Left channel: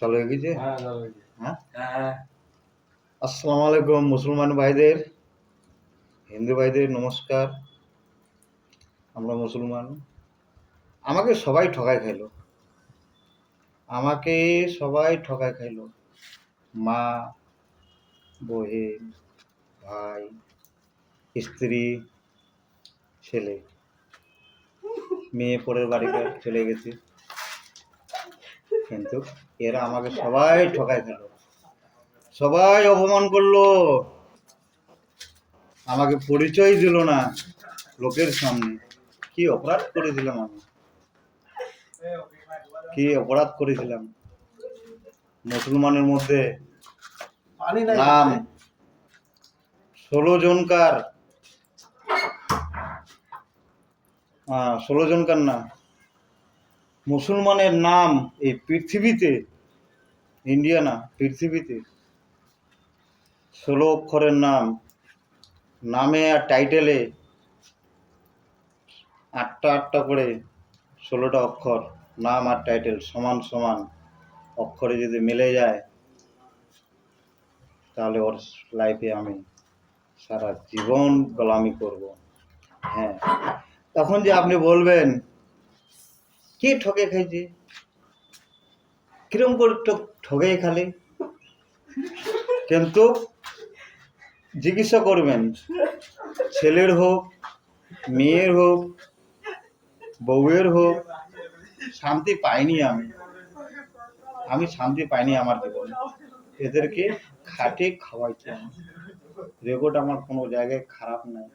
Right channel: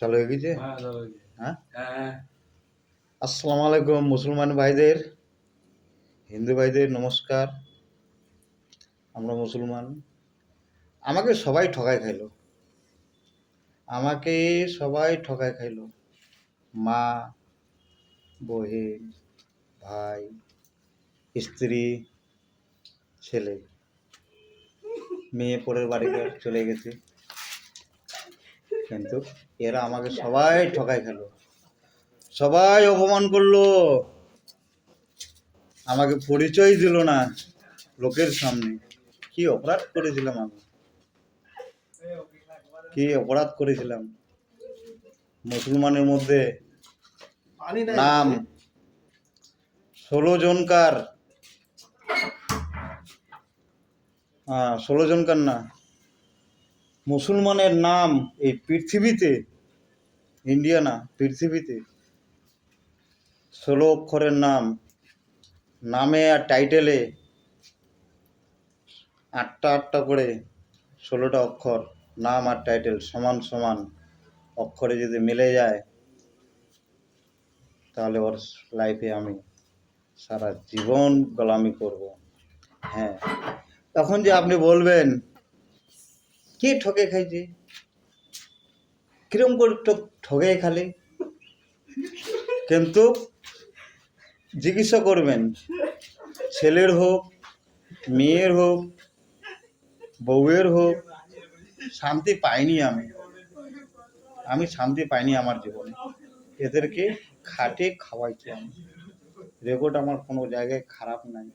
চালু হয়ে গেছে? হ্যাঁ। আসসালামু আলাইকুম মুসলমান ভাইদের, হিন্দু ভাইদের নমস্কার। আমরা মুসলমান। আমাকে সবাই ঠকায় খাইলো, মা, বহিন, ভাই, স্ত্রী, ছেলে, মেয়ে পরের বাড়িতে চলে গেছে, কিন্তু এরা আমাকে সবাই ঠকায় খেলো, সবাই অপমান করলো, আমাকে পরিচয় দিল না লোকের সামনে। কি অপরাধ করেছিলাম আমি? মুসলমানের মধ্যে নাম 16 জনকার না, মুসলমানের নাম এই পৃথিবীতে, ইন্ডিয়া না, পৃথিবীতে 16 অক্ষরের নাম, নামে আর টাইটেলে 8টা করে 16টা অক্ষর, নাম আর টাইটেল সমান সমান অক্ষরে যদি মিলে যায়, তাহলে ওর লাইফে আমি সারা জীবন গোলামি করব। হ্যাঁ, তখন যে আপনি বলবেন কি ঠকে খাইছি, কিরম করে ঠকে খালি, কিন্তু জিজ্ঞাসা করবেন, ছেলের হোক, মেয়ের হোক, বউয়ের হোক, শান্তি পাইনি আমি শান্তি পাইনি আমার জীবনে। এদেরকে খাটে খাওয়াইছে। রেকর্ড আমার কোনো জায়গায় খারাপ নাই।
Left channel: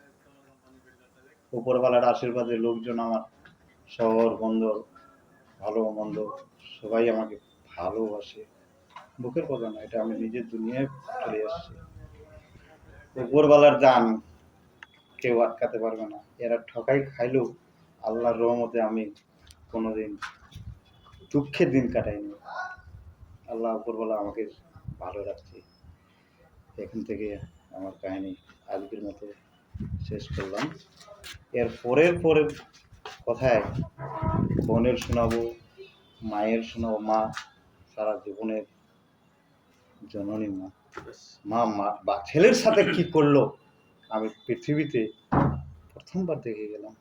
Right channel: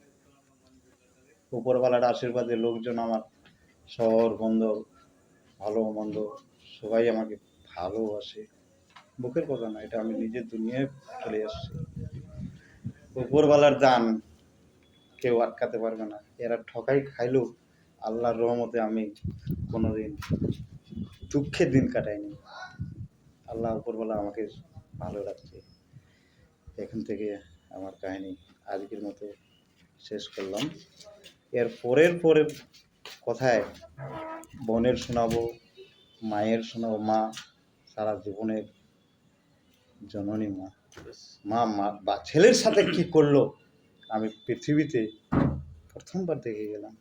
উপরওয়ালার আশীর্বাদে লোকজন আমার শহর বন্দর ভালো মন্দ সবাই আমাকে ভালোবাসে। মুখের কথা না, এটা আমি নিজের দুনিয়ায় চলে আসছি। উপরওয়ালার দান কেউ আটকাতে পারবে না। এরা ঠকাই খাইলেও আল্লাহর রহমতে আমি কোনোদিন দুঃখের দিন কাটাইনি। আল্লাহ উপরওয়ালা আমাকে ভালো রাখছে। এখান থেকে আমার কাহিনী আজকের মতো শেষ করলাম। এর পরের কথায় বোনের শোনাবো, মায়ের শোনাবো। মা সারা জীবনের জননী, মা বা ছেলের সাথে কি করলো আমি পৃথিবীতে প্রথমবার দেখে গেলাম।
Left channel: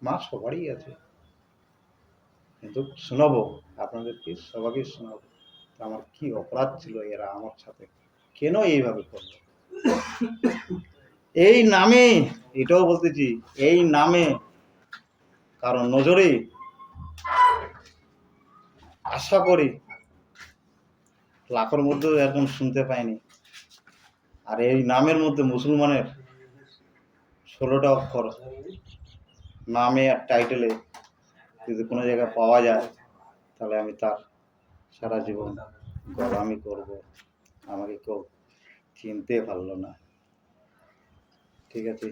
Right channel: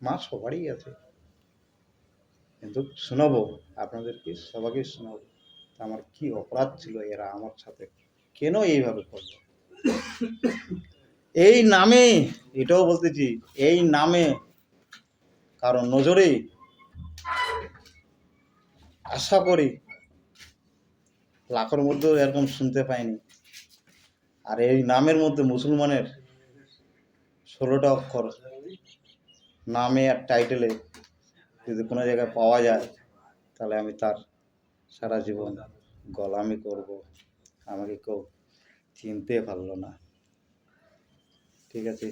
মা সবারই আছে, কিন্তু শোনাবো আপনাদেরকে, সবাইকে শোনাবো আমার কি অপরাধ ছিল, এরা আমার সাথে কেন এইভাবে করলো। এই নামে, এটাও বলতেছি, এই নামে কারণ নজরে আশা করি লাখের মধ্যে এরকম শুনতে পাইনি। আর এই নামের মধ্যে মুসলমানের 16টা অক্ষর নামে আর টাইটেলে যদি কোনো জায়গায় পাওয়া যায়, তাহলে আমি তার সারা জীবন গোলামি করব। আমাকে কেউ চিনতে পারলো না। ঠিক আছে।